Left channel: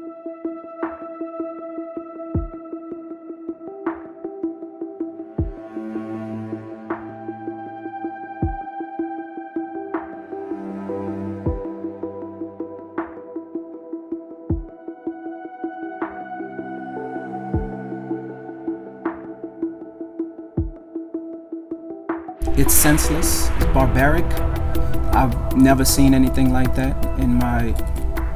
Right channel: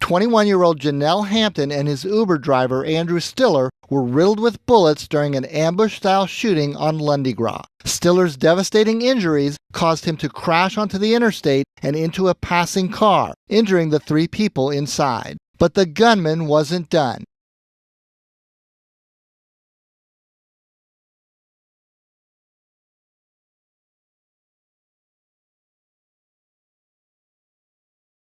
21-year-old Janelle Hampton and his Uber driver Andrew Stiller were riddled with bullets during an ambush-style shooting on Lundy Gras. Stiller's devastating injuries caused him to crash onto the interstate and into a passing car, injuring the 3 people inside. But the gunman wasn't done. It's senseless, it's barbaric. I've never seen anything like that in my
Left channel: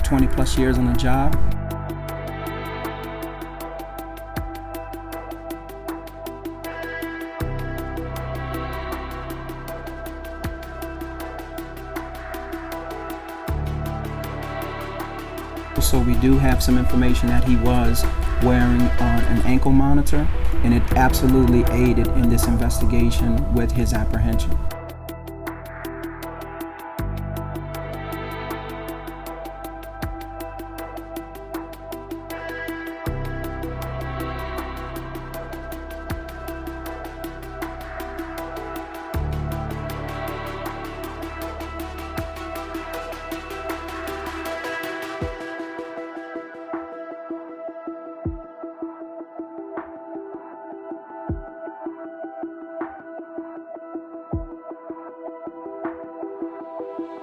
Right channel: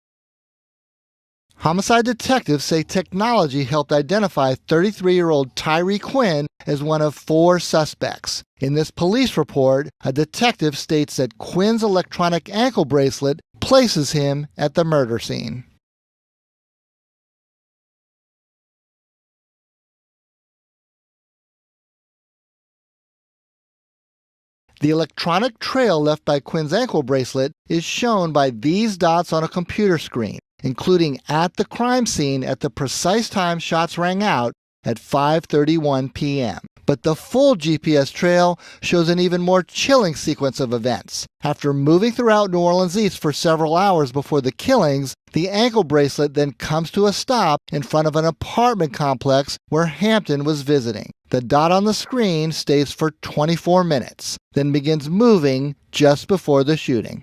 20-plus years on the job. Homicide detectives say technology helped identify 33-year-old Tyree Quinn as one of 4 suspects. In this police report, a detective states that Quinn's electronic ankle bracelet places him at the murder scene. So we do have some information that he was wearing an ankle monitor, and it absolutely aided in this investigation with his apprehension. The electronic trail left by Quinn's ankle bracelet is shown by these dots on a computer screen, including at the crime scene at the precise time shots rang out at 5:31 p.m. But the full GPS trail shows an even more chilling sequence of events. After moving throughout New Orleans East for several hours before the killings, the ankle bracelet then comes to a stop in front of an apartment complex where Hampton was visiting. The dot on the screen stays for 24 minutes, then begins moving just before the shooting.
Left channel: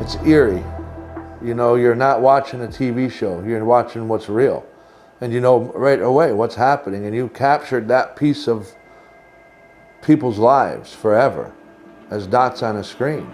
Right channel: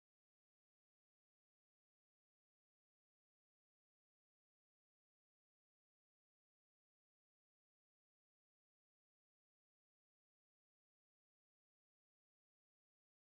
It's eerie. You know, you're not watching a TV show, you're watching what's real. And you know right away what's happening, and you captured that piece of people's lives forever as dots on a screen.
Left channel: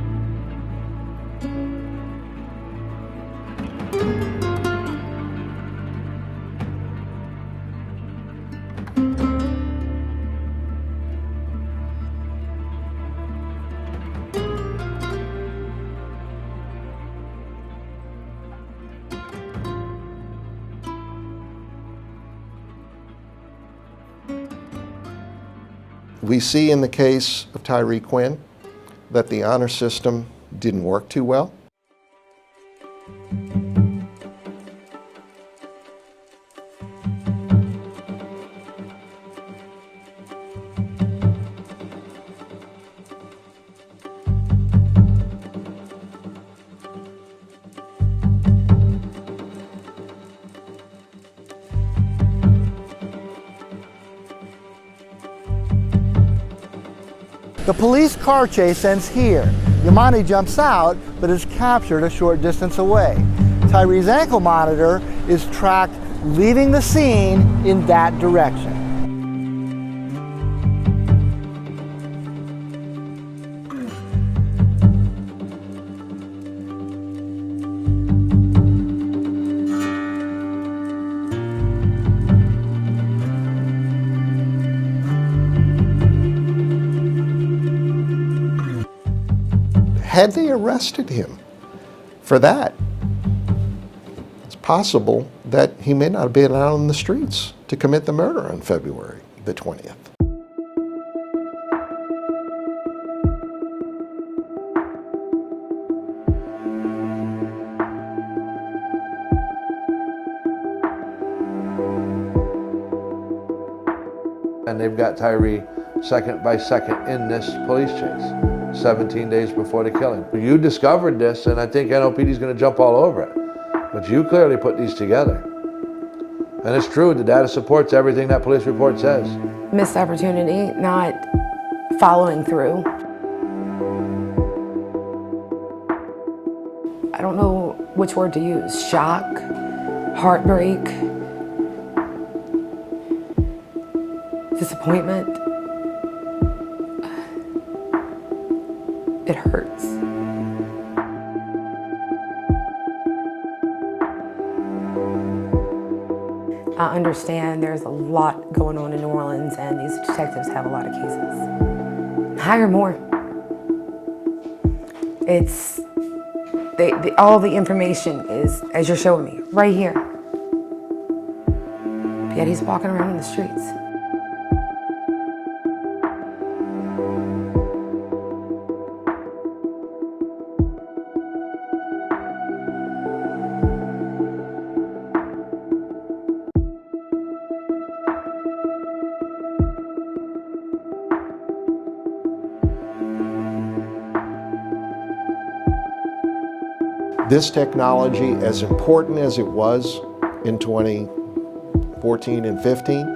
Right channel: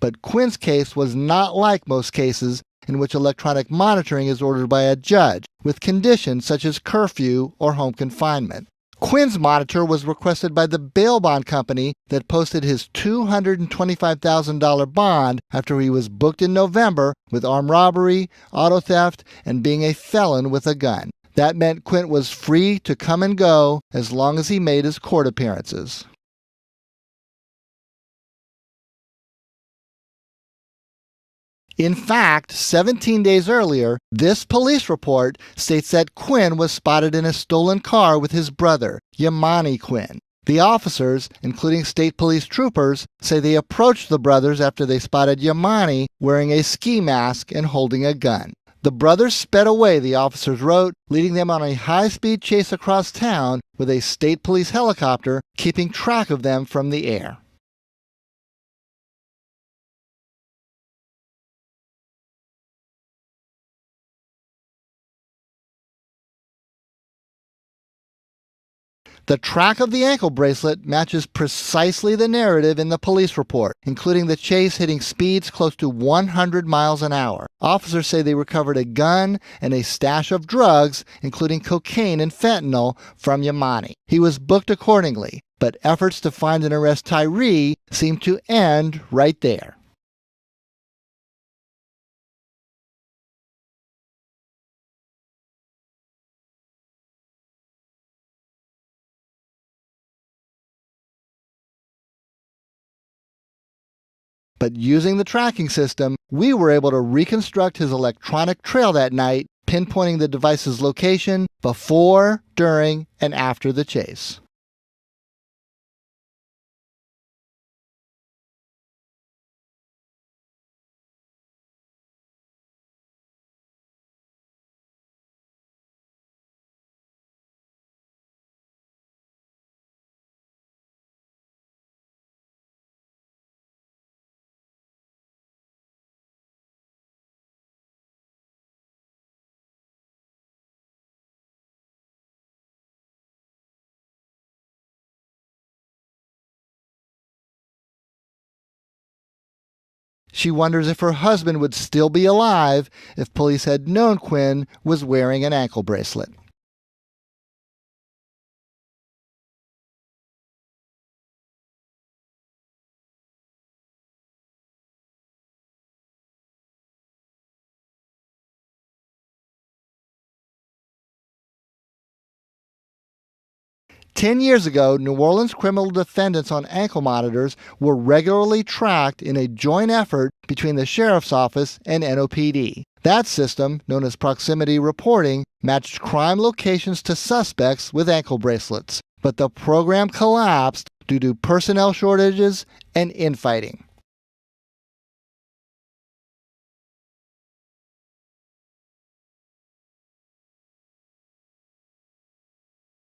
But Quinn's case was not like most cases in which electronic monitoring is ordered by a judge, with conditions such as curfew or home confinement. Quinn's monitor was requested by the bail bond company that posted his $225,000 bond after he was booked in November with armed robbery, auto theft, and being a felon with a gun. That meant Quinn was free to come and go as long as he made his court appearances. We see in the case of Tyree Quinn that the honor system didn't work too well. In fact, 17 days earlier, this police report states that Quinn was spotted in a stolen car with his brother, Yamani Quinn. The officers, including state police troopers, say they approached the brothers after they spotted Yamani wearing a ski mask and holding a gun. The brothers sped away, the officers wrote, leading them on a high-speed chase across town with a state police helicopter keeping track of them from the air. The police car chase ends here. Yamani jumps out, but is captured a short distance away. Tyree's ankle monitor is tracked leaving the scene in that direction. The track of the ankle bracelet matches precisely the narrative in the police report, including the chase hitting speeds close to 100 miles an hour. Officers say they recovered a gun and a stash of drugs, including cocaine and fentanyl, from Yamani. He was booked accordingly, but efforts to find and arrest Tyree seemed to end right there. Had they arrested him for that, it's possible that he may not have been out on the streets to commit the murder on February the 20th. But using the tracking system, we were able to reconstruct his electronic trail that night, pinpointing the device's location before, during, and after the chase. And they've got Tyree second by second in this police chase, 17 days before the killing. You discovered this, and I think NOPD is going to jump all over it. But you clearly put these together. And it's true, the data supports everything that police report says. Missed opportunity, not following through. I don't know which word to use. Shock, heartbreak, disappointment. It hurts. She wonders if her husband would still be alive if police had known Quinn was wearing an ankle bracelet. I understand there's a lot going on in New Orleans and these detectives have a lot of cases. Hire more. It's, all the information is, as you're showing me, right here. Yet he's walking around in the streets. 10 years ago, New Orleans criminal defendants on ankle monitors were regularly tracked in a joint effort between the Sheriff's Office and NOPD. That system, known as proximity reporting, matched crime locations to suspects with ankle bracelets. But the program collapsed due to personnel shortages and infighting. This technology, as important as it was in 2014 and 15,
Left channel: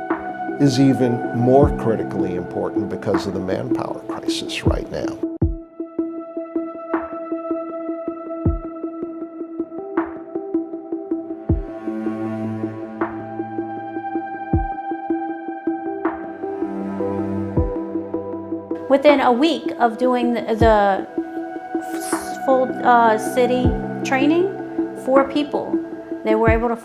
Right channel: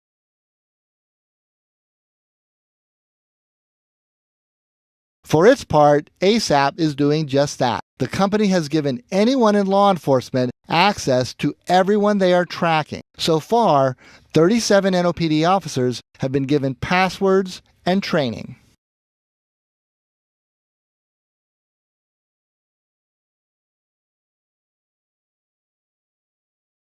is even more critically important because of the manpower crisis right now. For its part, ASAP is doing just that. The company has given anyone in law enforcement access to everyone they are tracking. So far, 37 NOPD officers have been given passwords and training. Within a week of doing the full city training, 4 people, they were able to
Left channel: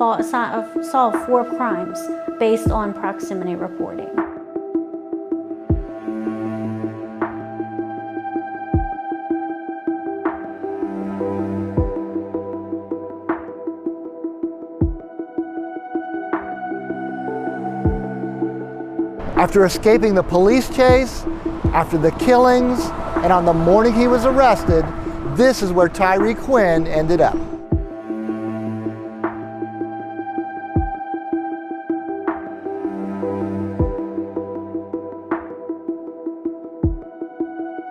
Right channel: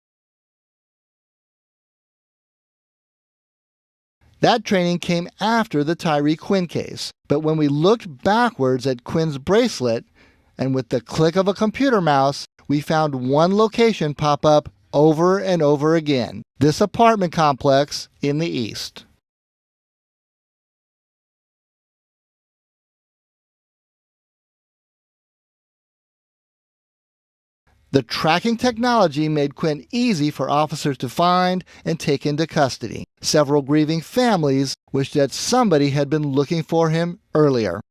solve 4 crimes based on proximity reporting. That training came after the Tyree Quinn case. But when we looked backwards at Quinn's bracelet, and with the click of a computer mouse, we found one location pop up over and over again. This apartment complex in the east. After escaping the police chase, after the killings, and on the morning he was arrested, this is where Tyree Quinn ended up. The tracking technology made Quinn easy for officers to find and take into custody. Several grieving families wished that somebody had been looking for him earlier.